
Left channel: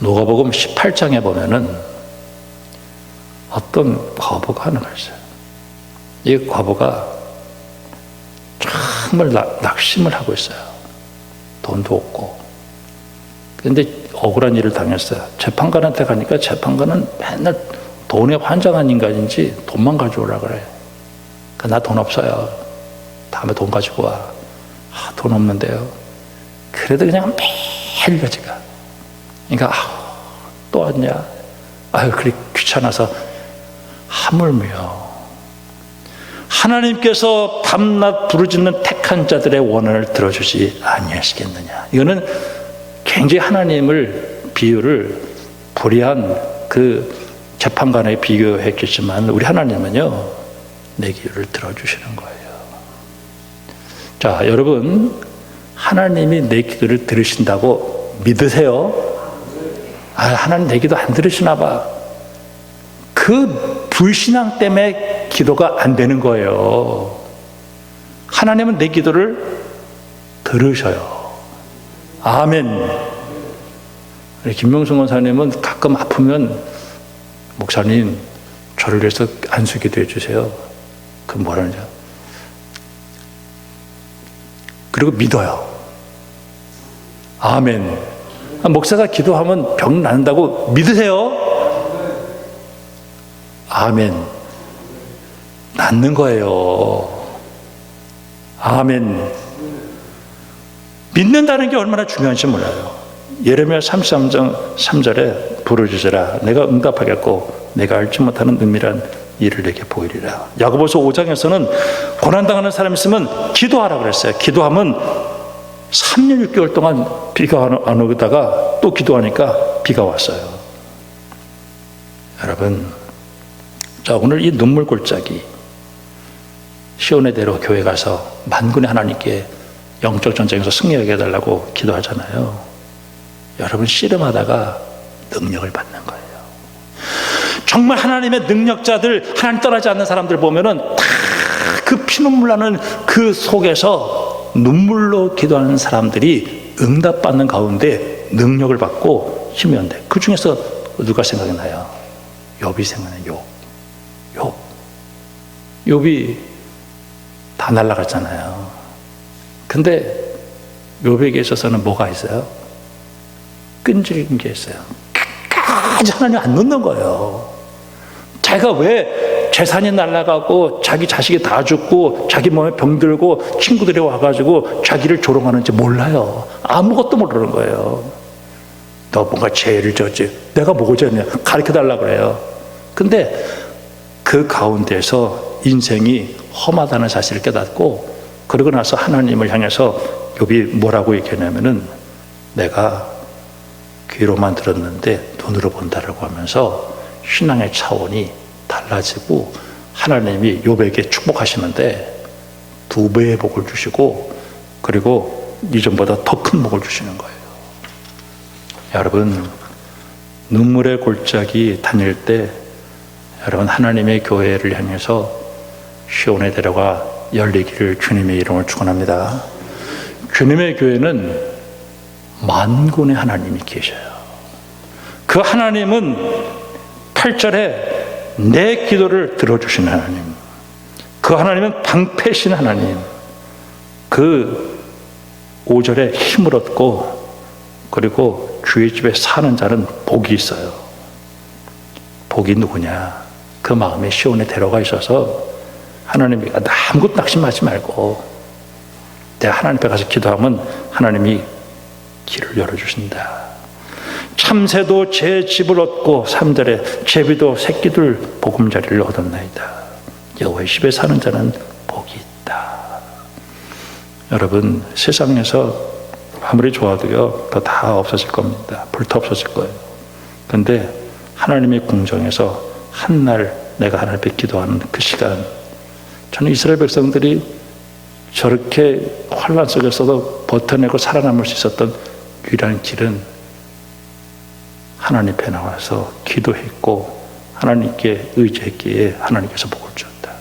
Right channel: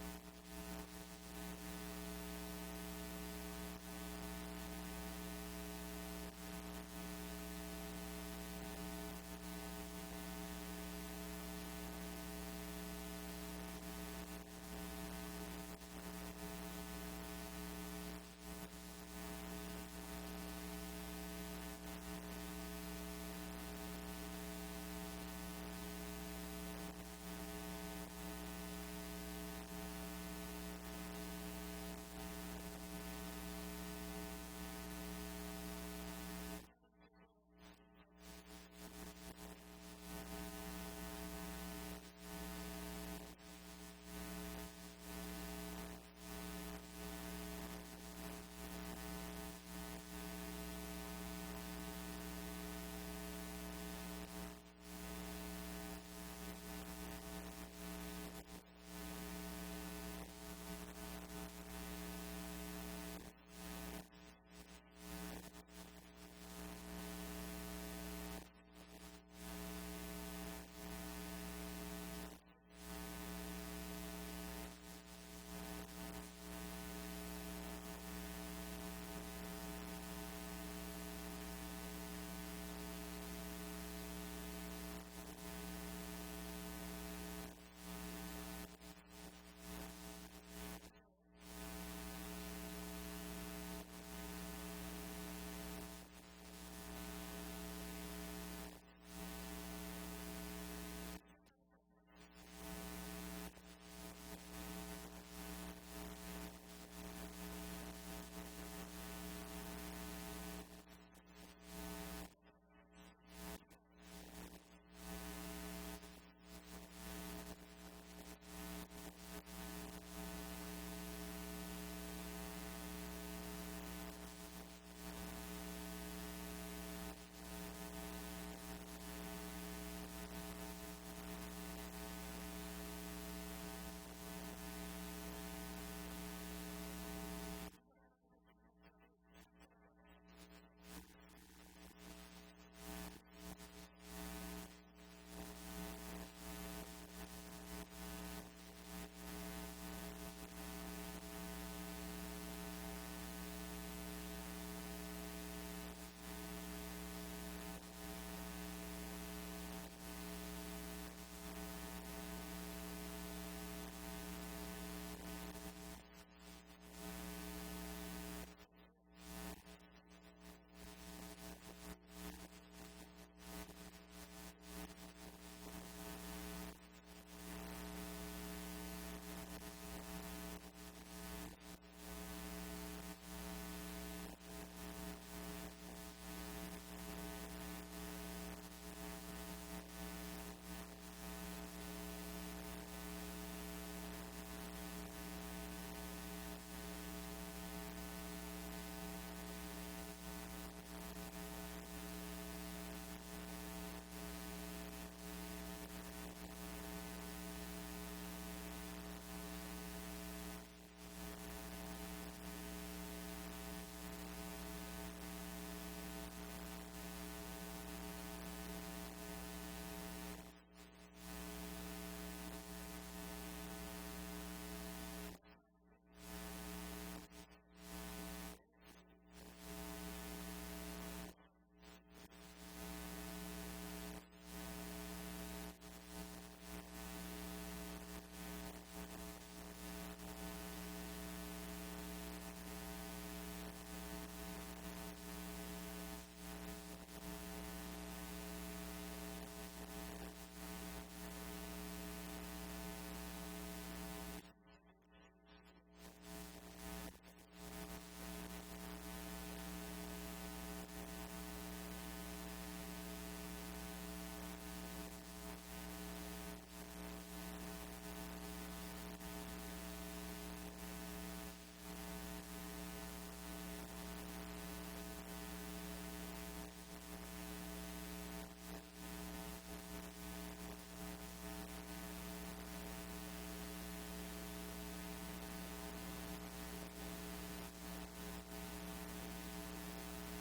누가복음 18장에 보면은 어떤 과부가 하는 거 있어요. 이 과부가 정말 낙심을 하고 있어요. 돈도 없고. 그런데 억울한 일을 당했어요. 재판관한테 가니까 재판관은 맨날 돈에 환장한 인간인지 돈만 가져오라 그래. 나 돈 없어요. 다음에 돈 가지고 와. 돈 없는데요. 그래도 그냥 매일 가지가. 그러니까 또 왔냐? 그래 귀찮아서 하물며 하나님께서 밤낮 부르짖는 택한 자들의 원한을 들어주지 아니하시겠느냐. 이거는 굉장히 하나님을 비유를 불의한 그 재판관에 비교했겠지만, 우리 하나님은요, 내 기도를 들어주시는 거예요. 자, 여러분, 하나님이 내 기도를 들으신다고 믿으세요? 하나님 내 기도 안 들으시나 봐. 그 불신앙 때문에 기도가 안 되는 거예요. 하나님은 내 기도를 들으셔요. 아멘. 김명수 원사님은 가끔 아프면, 목사님 저를 위해서 안수 기도해 주세요. 그 뭐라는지, 그리고 믿어요. 아멘. 목사가 기도하면 병 낫는다고 믿으세요? 아멘. 낫는 거예요. 아멘. 믿는다는 게 얼마나 중요한지 몰라요. 예레미야 33장 3절에 부르짖으라 내가 응답하겠고 내가 알지 못하는 은밀한 일을 내게 보이리라. 야고보서 5장에서는 고난당하는 사람이 있으면 기도하라 그랬어요. 기도하면 3년 6개월 동안 비가 안 오다가 또 기도하니까 비가 왔어요. 여러분, 자, 오늘 이 눈물 골짜기 시온의 대로 교회 가서 만군의 하나님께 영적 전쟁에서 승리하게 해달라고 기도하잖아요. 여러분, 씨름하다가 능력을 받는 거예요. 정말 하나님의 능력자들, 하나님 떠나지 않는 사람들 보면은 다 그 피눈물 나는 그 속에서 눈물로 기도하는 사람들이 응답받는 가운데 능력을 받고 힘이 온대. 그 중에서 누가 생각이 나요? 욥이 생각나요. 욥이 다 날아갔잖아요. 근데 욥에게 있어서는 뭐가 있어요? 끈질긴 게 있어요. 끝까지 하나님 안 놓는 거예요. 자기가 왜 재산이 날아가고 자기 자식이 다 죽고 자기 몸에 병들고 친구들이 와가지고 자기를 조롱하는지 몰라요. 아무것도 모르는 거예요. 너 뭔가 죄를 졌지. 내가 뭐가 졌냐? 가르쳐달라고 그래요. 근데 그 가운데서 인생이 험하다는 사실을 깨닫고 그러고 나서 하나님을 향해서 욥이 뭐라고 얘기하냐면은 내가 귀로만 들었는데 눈으로 본다라고 하면서 신앙의 차원이 달라지고 하나님이 욥에게 축복하시는데 2배의 복을 주시고 그리고 이전보다 더 큰 복을 주시는 거예요. 여러분, 눈물의 골짜기 다닐 때 여러분 하나님의 교회를 향해서 시온의 대로가 열리기를 주님의 이름으로 축원합니다. 주님의 교회는 만군의 하나님이 계셔요. 그 하나님은 8절에 내 기도를 들어주시는 하나님, 그 하나님은 방패신 하나님, 그 5절에 힘을 얻고 그리고 주의 집에 사는 자는 복이 있어요. 복이 누구냐? 그 마음에 시온에 데려가 있어서 하나님이 아무것도 낙심하지 말고 내가 하나님 앞에 가서 기도하면 하나님이 길을 열어주신다. 참새도 제 집을 얻고 3절에 제비도 새끼들 보금자리를 얻었나이다. 여호와의 집에 사는 자는 복이 있다. 여러분, 세상에서 아무리 좋아도요 더 다 없어질 겁니다. 불타 없어질 거예요. 그런데 하나님의 궁정에서 한날 내가 하나님 앞에 기도하는 그 시간, 저는 이스라엘 백성들이 저렇게 환란 속에서도 버텨내고 살아남을 수 있었던 유일한 길은 하나님 앞에 나와서 기도했고 하나님께 의지했기에 하나님께서 복을 주었다.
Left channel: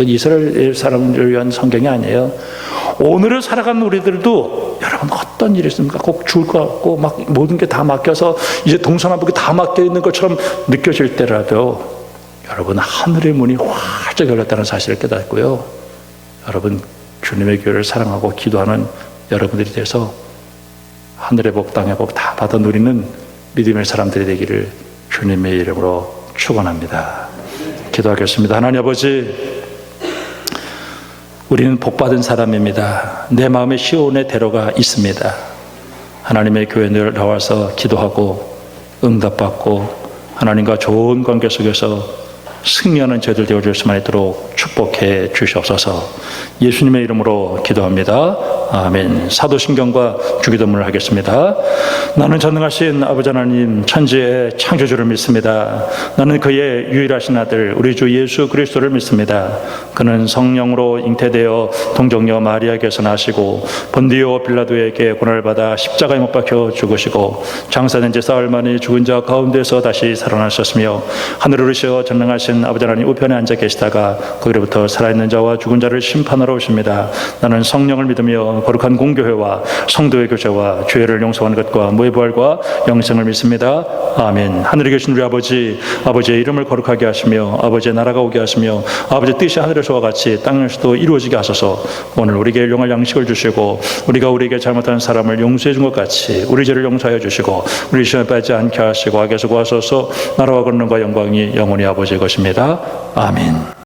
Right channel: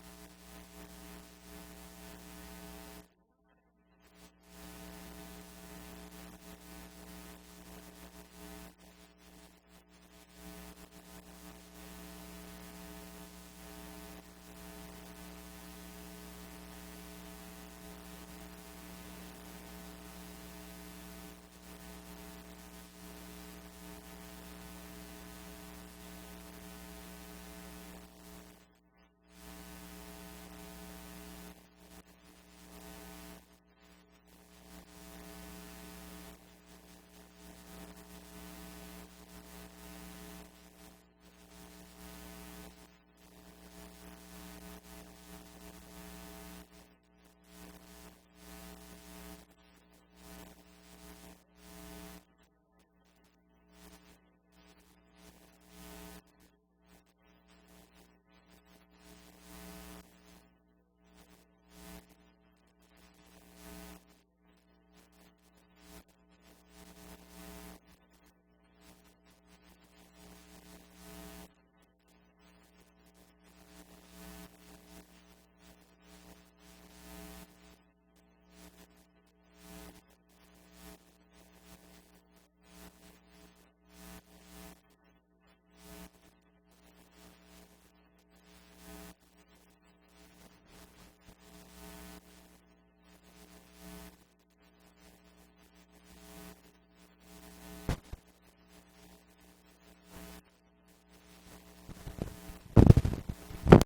이스라엘 사람들을 위한 성경이 아니에요. 오늘을 살아가는 우리들도 여러분 어떤 일이 있습니까? 꼭 죽을 것 같고 막 모든 게 다 맡겨서 이제 동서남북이 다 맡겨 있는 것처럼 느껴질 때라도 여러분 하늘의 문이 활짝 열렸다는 사실을 깨닫고요. 여러분 주님의 교회를 사랑하고 기도하는 여러분들이 돼서 하늘의 복 땅의 복 다 받아 누리는 믿음의 사람들이 되기를 주님의 이름으로 축원합니다. 기도하겠습니다. 하나님 아버지, 우리는 복받은 사람입니다. 내 마음에 시온의 대로가 있습니다. 하나님의 교회에 나와서 기도하고 응답받고 하나님과 좋은 관계 속에서 승리하는 저희들 되어줄 수만 있도록 축복해 주시옵소서. 예수님의 이름으로 기도합니다. 아멘. 사도신경과 주기도문을 하겠습니다. 나는 전능하신 아버지 하나님 천지의 창조주를 믿습니다. 나는 그의 유일하신 아들 우리 주 예수 그리스도를 믿습니다. 그는 성령으로 잉태되어 동정녀 마리아에게서 나시고 본디오 빌라도에게 고난을 받아 십자가에 못 박혀 죽으시고 장사된 지 사흘 만에 죽은 자 가운데서 다시 살아나셨으며 하늘을 오르셔 전능하신 아버지 하나님 우편에 앉아 계시다가 거기로부터 살아있는 자와 죽은 자를 심판하러 오십니다. 나는 성령을 믿으며 되어 거룩한 공교회와 성도의 교제와 죄를 용서하는 것과 무의 부활과 영생을 믿습니다. 아멘. 하늘에 계신 우리 아버지, 아버지의 이름을 거룩하게 하시며 아버지의 나라가 오게 하시며 아버지의 뜻이 하늘에서와 같이 땅에서도 이루어지게 하소서. 오늘 우리에게 일용할 양식을 주시고 우리가 우리에게 잘못한 사람을 용서해 준 것 같이 우리 죄를 용서하여 주시고 우리 시험에 빠지지 않게 하시고 악에서 구하소서. 나라와 권능과 영광이 영원히 아버지의 것입니다. 아멘.